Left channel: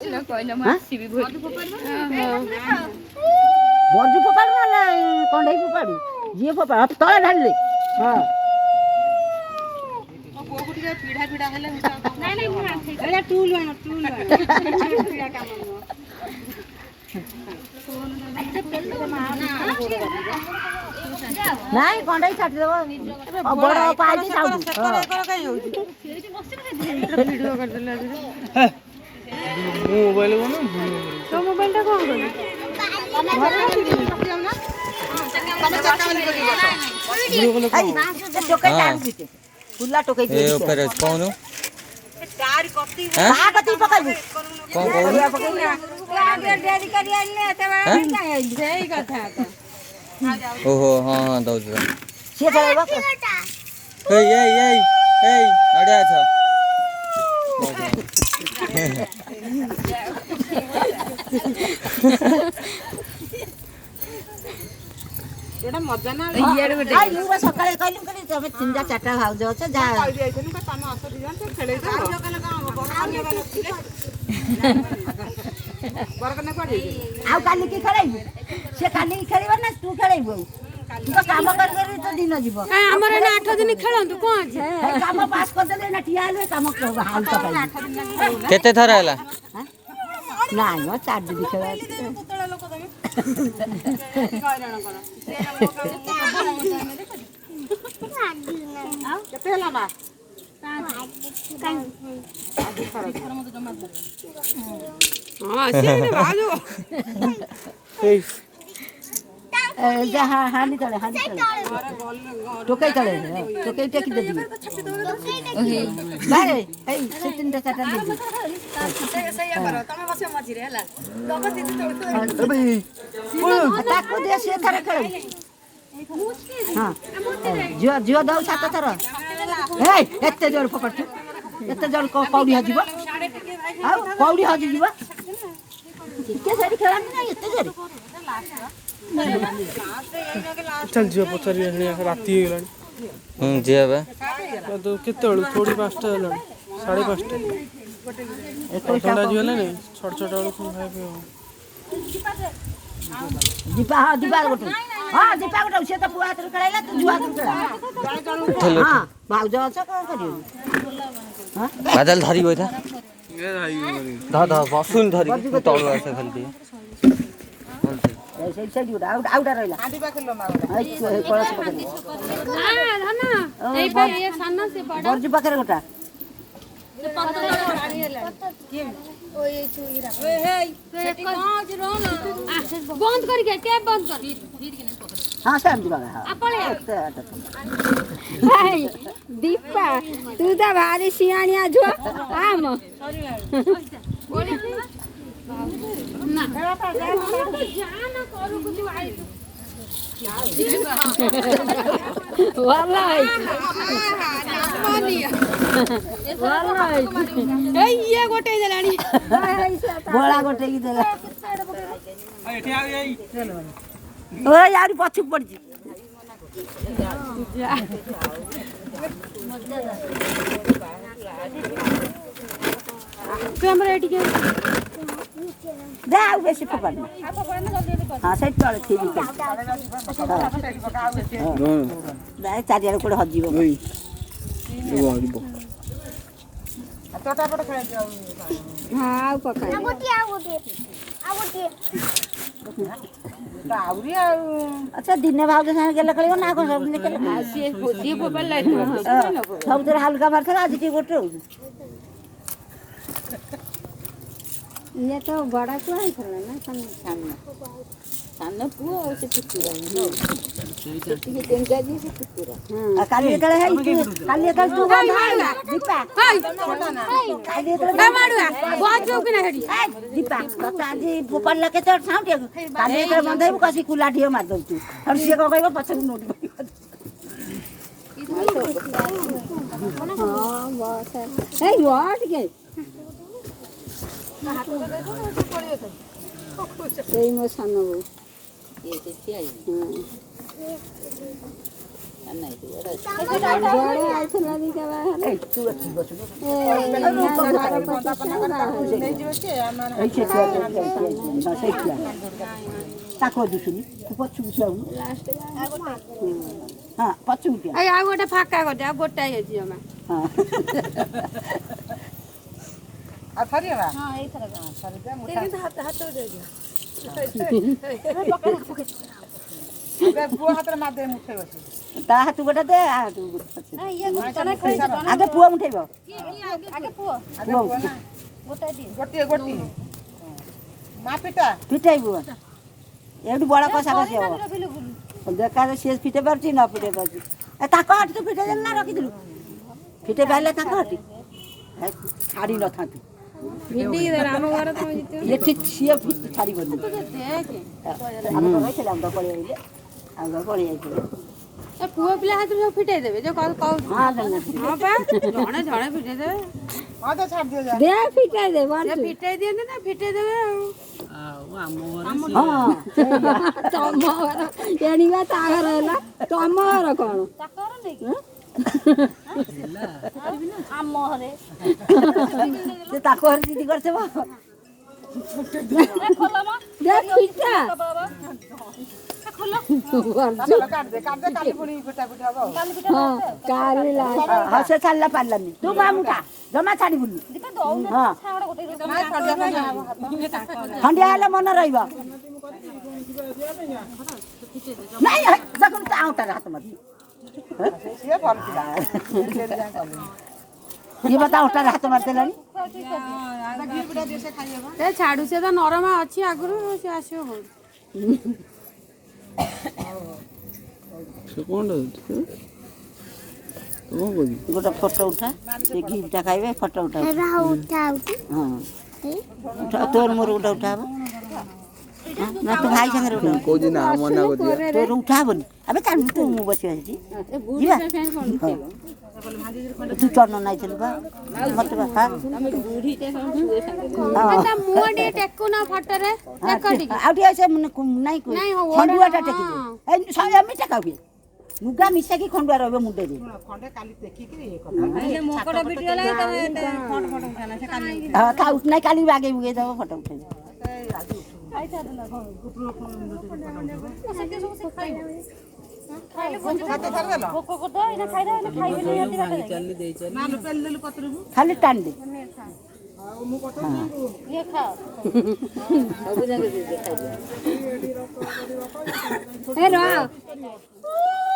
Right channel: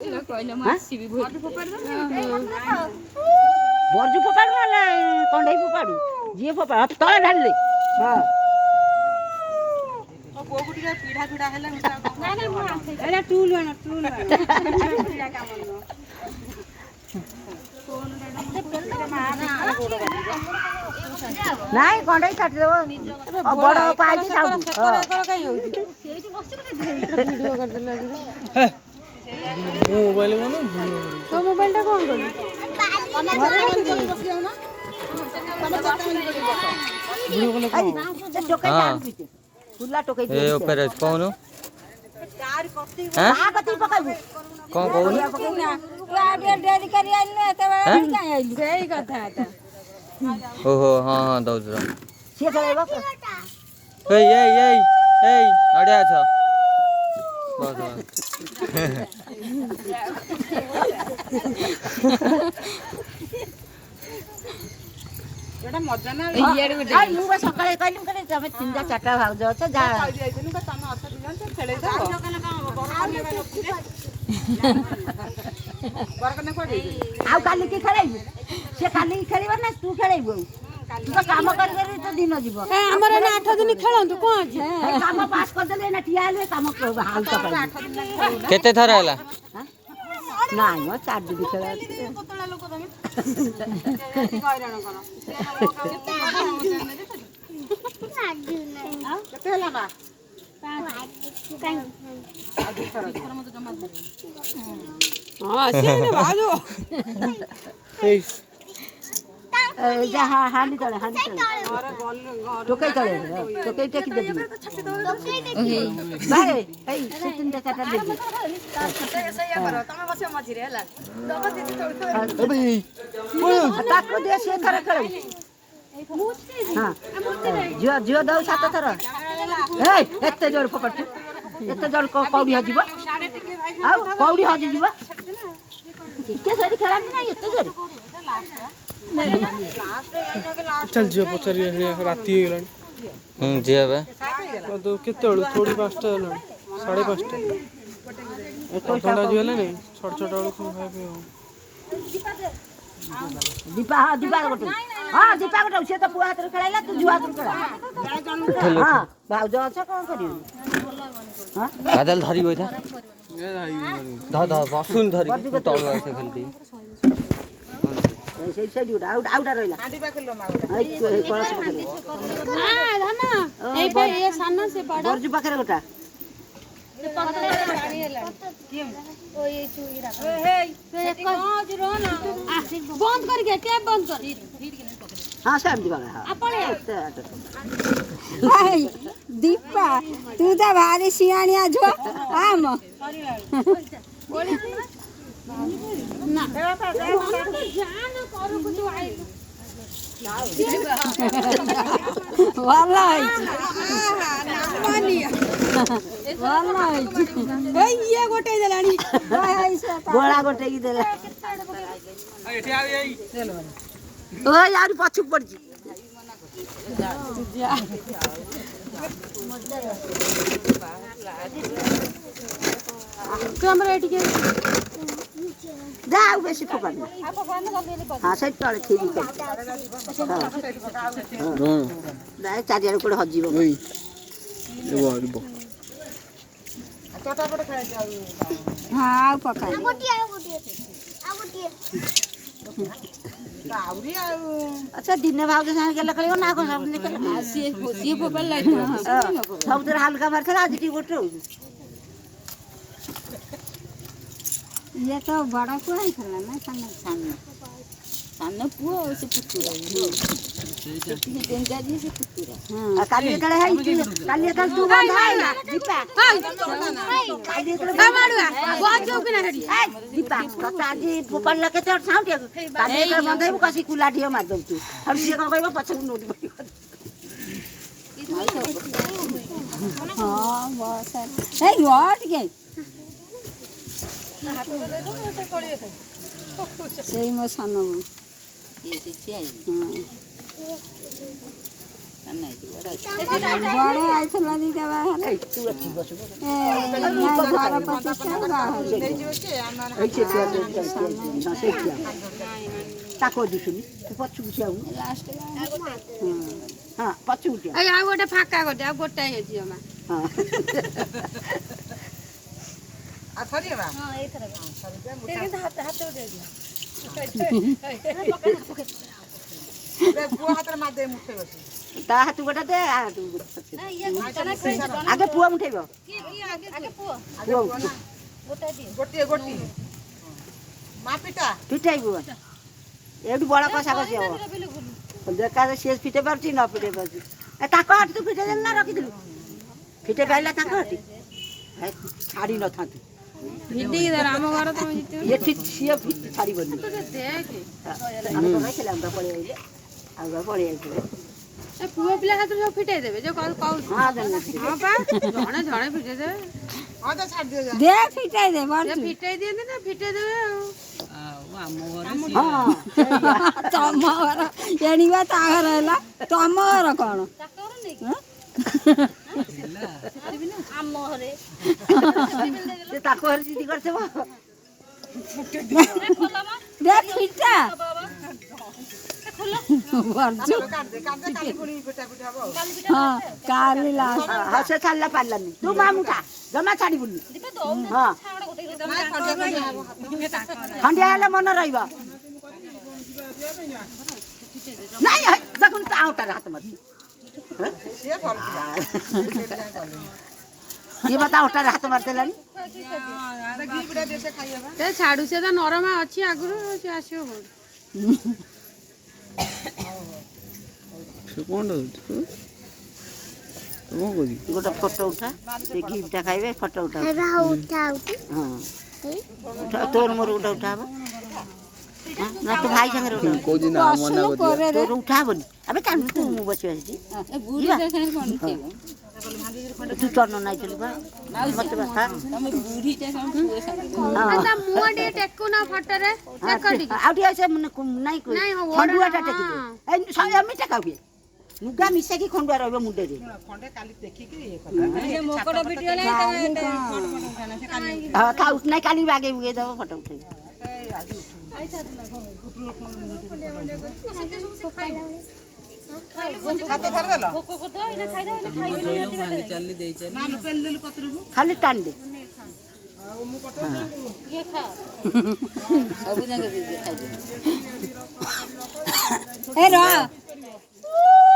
ବର୍ଜୁ ଫୋପାଡୁ ନହେଲେ କଣ୍ଢେଇ ଫୋପାଡୁ ଯିଏ ଫୋପାଡୁ ତଳେ ଢାଳିଲେ ହଁ ନାଇଁ କଣ୍ଢେଇ ଛାଟିଦେବ ବଡ ପାଇଛି मोबाइल बनो तो मोबाइल टा कौन करी फुला टोकै ए ऊपर कौन स्टार कति हां कति पकाबू कौन कौन डेरी करी आइले एते सेही कथा था ओहो हां हां दौज से चलेबा ए अड़िया छ एटा मजा ना इयार गोटे आई मु सकाळे कहली करे तमे तीनटा चारटा भाउज छ जा कहली आइछनु का तमे अस दिजन त खेलै त सकाळे का बड़ अन्य बार रे बरकने को दे आ काली की खेलाइबू से काली की खेलिबा ना तू खेलाइबू तू काम कर कर तो दिन जीव ए हमर एना 8 दिन खेलंतु कोन अछि काम पास कर देले ना ठिया आलवे काम हाल तो केते थरा हला नाही म 4 दिन खेला कोतळा लोक तमे कहैराण कोन केते हला बा हां से भाजो जहाँ हाली तले टोकै तले टोकै टेकी दे बारे ए से तीनटा चारटा दे तार छटे सही करो तमे बसे मझी रे हला दबा दे तो ए भाई ताको दे से करे करे हां जो दौ सात थर ए एते जोर पकड़ एते जोर कौडी हजिबो आ कौडी हजि जीवो के सेरी खेला ना एते जोर चल जियो पचरी राती हो गलानी जिया बे तो केतळु थोड़ी 5टा हला 5:30 ए ठंडा जियो ना नहीं छोट छोट वाला खाए पे दीपा हां दीपा गोटे हां दीपा गोटे से तो पुआ हाथ रे खेलाइला तू जुआ हाथ रे खेला हां भाउज छ कोन करियो हां बादल धरी होइथा ए धा बसुन धरी तळु आसे खाली ऐसे साइड उडा आउटा रहला आदि बा खेलो मागो ए कळस हां धन ए भाई ये साना से पड़ा बर्जू पाखरे गोटा से पत्ता पानी हेला के ओ ये चुई रा ए हे से काज रो ना बंद कर के टेप बंद कर हां सब दिबा हां आपले दीपा तू तो भारी सियाणिया जो आम बोले ना जाना करू कुछ आई वालाई वालाई ए ये गोटे देलानी गोळा गोटे की देला एठी आ गई चलो ओ यार पछु पड़जी जा मजा कैमरा एठी के जाओ बेसी पकड़ना हां सही तळे थी भी दाई चारियार कोड हजिबो ओई एगो हजिबो तोटा पट खेला जाऊ हां पकड़ आ गोटी अच्छा दिन भाव संगे गेल कलियो ना को सब निकल सी पकड़ लाई सब तर हल्का मार था आज की गोटे हो ये तो बड़ा क्यों है करना ना सामने पुओ से पुतुरा ठीक है जाजी से पुतुरा काली तळे है काली तळे तू बंद है दीपा काली तळे माडुआ बहुत जो कि ना हेडी दीपा तो आजी पकड़ के तो साउंड काली तळे बंद है कसी कुला ढियो मार दउ तू और से को कहबो पछ नोट पड़ी हां बस है नहीं बहुत के हाथ तो दे दो से पड़ी है सही में सानो ये से चाहिए ଆଉ ଗୋଟେ ଫାଙ୍କା ଗୋଟେ ଆଉ ଗୋଟାଏ ଅଛି ଜମା ପୁଅ ହାତରେ ମାରିଦେ ମୁଠେଇ ବସି ତା ହାତ ଗୋଟେ ଦେ ଆଗେ ପୁଅ ମୁଠେଇବ ଗୋଟିଏ ଗୋଟିଏ ମା ପିଟା ଫିଟେଇବୁ ଏଇଠି ବଡ଼ କଷା କଷି ହବ ଦେଖା ସିଏ ଫିଟେଇ ପାରୁଛି ନ ଫିଟେଇ ପାରୁଛି ତାଙ୍କ ହାତ ତୁ ଫିଟେଇ ଦେଲି ନା ରଖିଥିଲୁ ଫିଟେଇ ପାରିଲେ ତାଙ୍କ ହାତ ଛାଡ଼ି ନଥାନ୍ତୁ ଏଠି ସିଏ ଛାଡ଼ିବନି ପଳେଇ ଯାଇଥିଲେ ପୁଅ ପିଲା ହାତରୁ ସବୁ ଫିଟେଇ ଦେବେ ଯୋଉ କହୁଛି ଜଣେ ଜଣେ ଫିଟେଇ ଦେବେ ଫିଟେଇ ଦିଅନ୍ତି ନା ଫିଟେଇ ଦେବେ ତମ ଘର ଜାଣିବା ତା ଘର ହେଲା ତମ ଘର କଣ ଆମ ଘରେ ତାକୁ ଘରେ ଦିଦି କରିଥିବ ସେ ଛାଡ଼ିଲା ପାରିଲାନି ତୁ ମାମୁଟା ଜମା ଛାଡ଼ିବୁନି ହଁ ଖଣ୍ଡିଆ ହେଲେ ମନେ ରହିବ ନାଇଁ ଦେଖୁନ ତା ଆଉଟାରେ ହାତ ମାରି ଇଏ ବା ତା ଅଟାରେ ହାତ ମାରିଦେଲାଣି ଛାଡୁ ସେ ତ ନରମା ଅଛି ଆଗରୁ ସେ ଆସିବ ଗୋଟେ ଫଟୋ ଉଠା ସେ ଗିଫ୍ଟଟା ଖାଇବେ ଫଟୋ ଉଠା ହଁ ତୋର ମୋର ଗୋଟେ ଉଠା ହବ ନା ତୁ ଭାଇ ସାଙ୍ଗରେ ତୋର ଉଠା ହବନି ଏବେ ଚାଲୁ ତୁ ମୁଁ ବସିବା ସେଠି ଯିବା ତୁ ଚନ୍ନ ନାଇଥିଲୁ ବା ମତେ ବାପା ଆଉ ଟିକେ ସେ ନାଇଁ ଖଣ୍ଡୁଆଟା ଟେକିଦେ ଏମିତି ଟେକା ହୁଏ ଲୁଗା ମିଶାକି ଖଣ୍ଡୁଆ ରହିବ ମୁଣ୍ଡରେ ନାଇଁ କାଲି ବାଗେଇ ବୁଗେଇ ଦେବ ଫଟୋ ଉଠେଇବ ଖାଲି ଟାଣି ଦେ ସବୁ